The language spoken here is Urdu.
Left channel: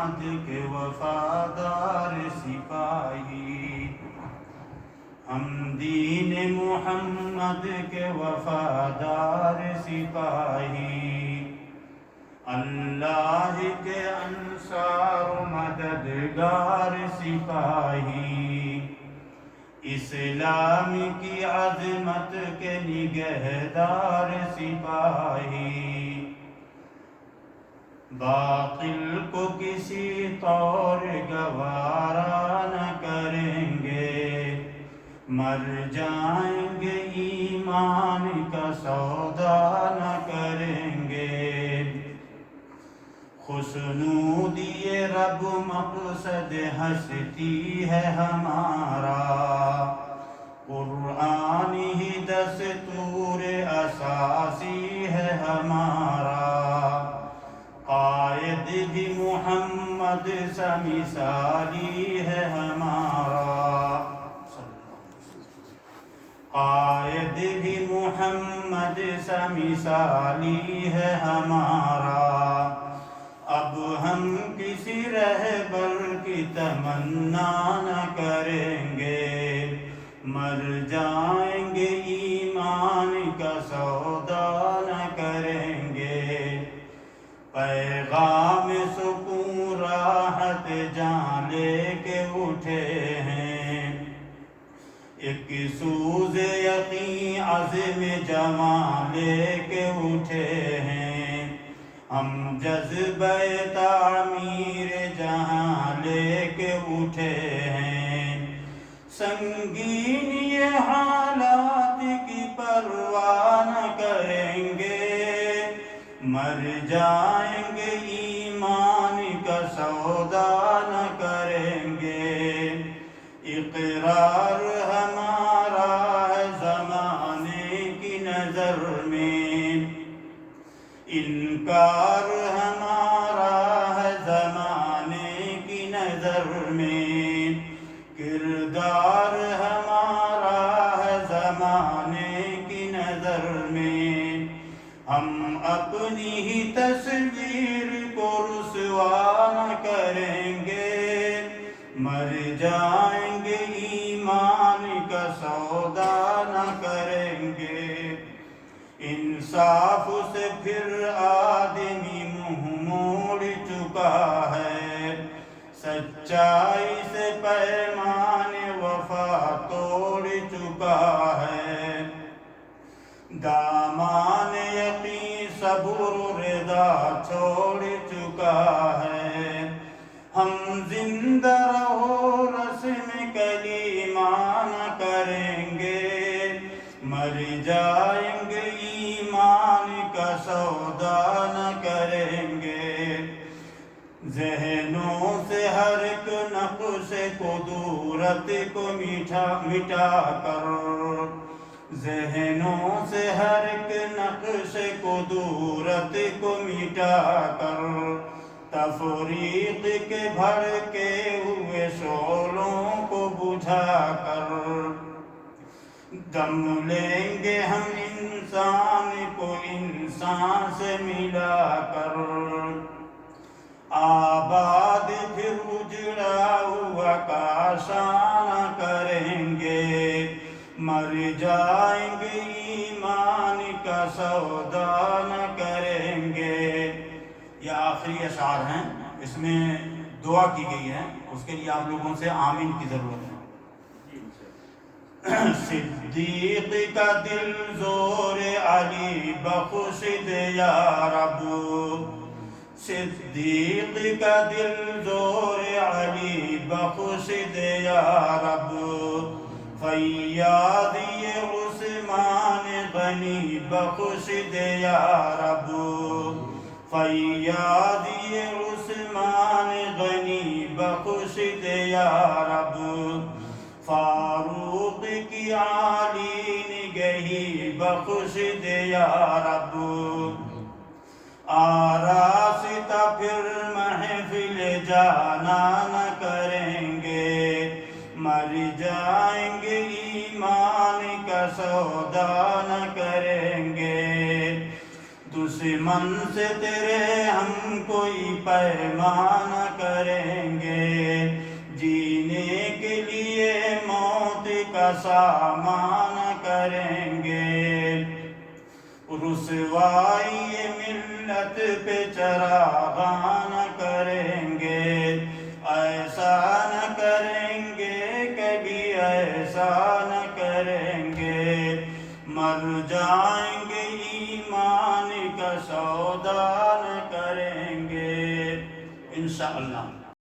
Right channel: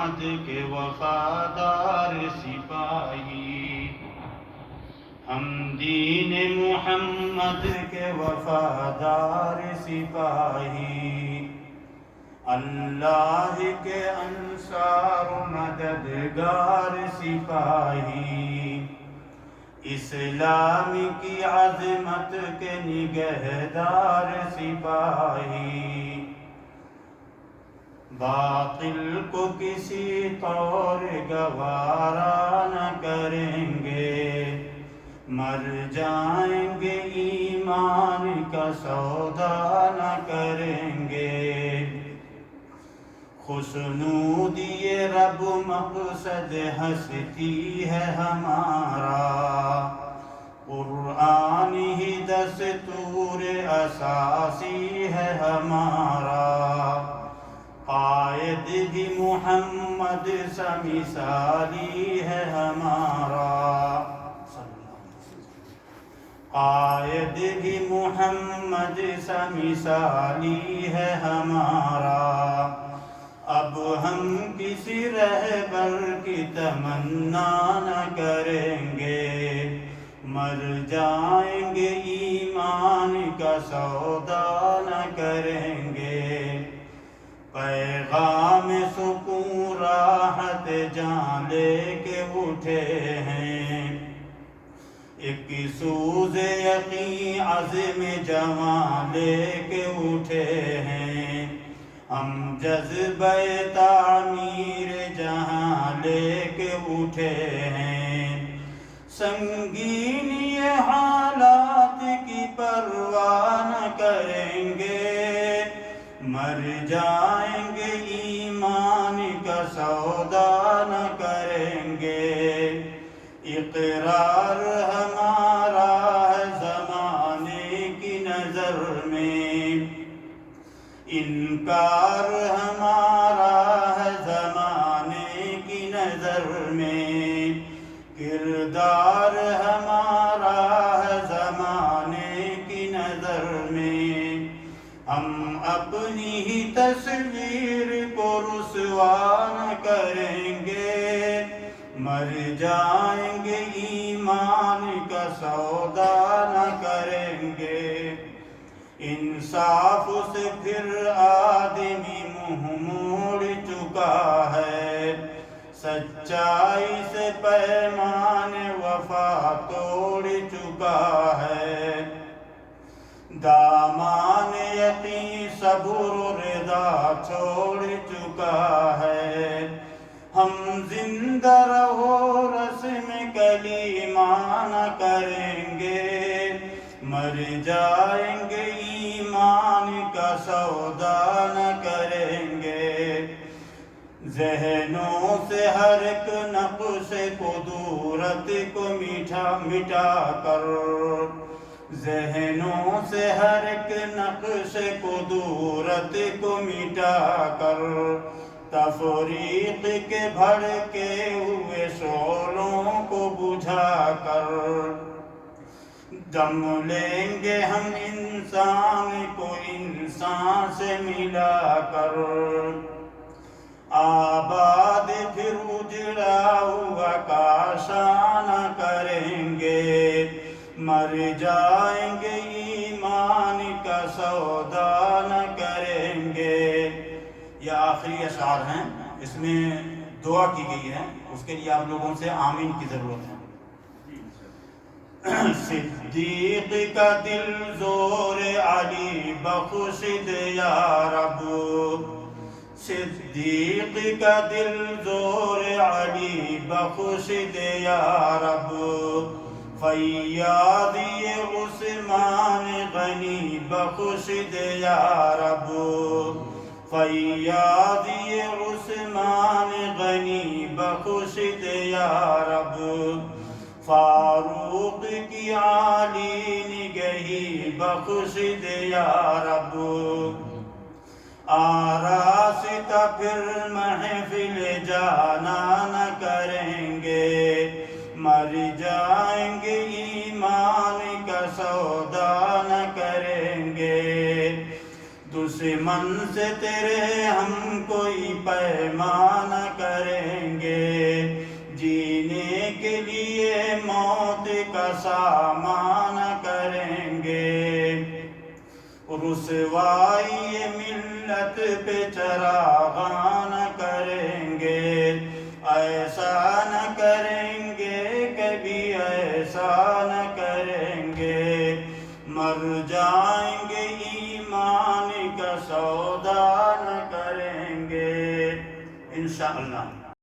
محمد کے وفادار سپاہی، ہم دین محمد کے وفادار سپاہی، اللہ کے انصار و مددگار سپاہی، اسلام کی عظمت کے نگہدار سپاہی، باطل کو کسی طور گوارا نہ کریں گے، مر جائیں گے ایمان کا سودا نہ کریں گے، خوشنودی رب مقصد ہستی ہے ہمارا، قرآن ہی دستور اساسی ہے ہمارا، قائد بھی محمد سا مثالی ہے ہمارا، قائد بھی محمد سا مثالی ہے ہمارا، اب ہم کسی رہبر کی تمنا نہ کریں گے، مر جائیں گے ایمان کا سودا نہ کریں گے، پیغام سکون راحت جان لے کے اٹھے ہیں، ایک سوز یقین عزم جمع لے کے اٹھے ہیں، ہم جذبہ تعمیر جہاں لے کے اٹھے ہیں، سنگین یہ حالات کی پرواہ نہ کریں گے، مر جائیں گے ایمان کا سودا نہ کریں گے، اقرار ہمارا ہے زمانے کی نظر میں، انکار ہمارا ہے زمانے کی نظر میں، کردار ہمارا ہے زمانے کی نظر میں، ہم اپنی ہی تصویر کو رسوا نہ کریں گے، مر جائیں گے ایمان کا سودا نہ کریں گے، انصاف سے پھر آدمی منہ موڑ چکا ہے، سچائی سے پیمان وفا توڑ چکا ہے، دامان یقین صبر و رضا چھوڑ چکا ہے، ہم زندہ رہو رسم کلیمہ نہ کریں گے، مر جائیں گے ایمان کا سودا نہ کریں گے، ذہنوں سے ہر ایک نقص قدورت کو مٹا کر، ذہنوں سے ہر ایک نقص قدورت کو مٹا کر، تفریق کے بھڑکے ہوئے شعلوں کو بجھا کر، دم لیں گے ہم انسان کو انسان سے ملا کر، آباد پھر اجڑا ہوا کاشانہ کریں گے، مر جائیں گے ایمان کا سودا نہ کریں گے۔ یہ آخری اشعار ہیں، اس میں دعا کی گئی ہے، اس کے لیے آپ لوگوں سے آمین کی ضرورت ہے۔ صدیق کا دل زور علی بخش دے یا رب، صدیق کا دل زور علی بخش دے یا رب، فیاضی عثمان غنی بخش دے یا رب، فیاضی عثمان غنی بخش دے یا رب، فاروق کی عالی نگہی بخش دے یا رب، آراستہ پھر محفل جانا نہ کریں گے، مر جائیں گے ایمان کا سودا نہ کریں گے، دشمن سے تیرے ہم کوئی پیمان کریں گے، جینے کے لیے موت کا سامان کریں گے، رسوائی ملت پہ چراغان کریں گے، ایسا نہ کریں گے کبھی، ایسا نہ کریں گے، مر جائیں گے ایمان کا سودا نہ کریں گے انشاءاللہ۔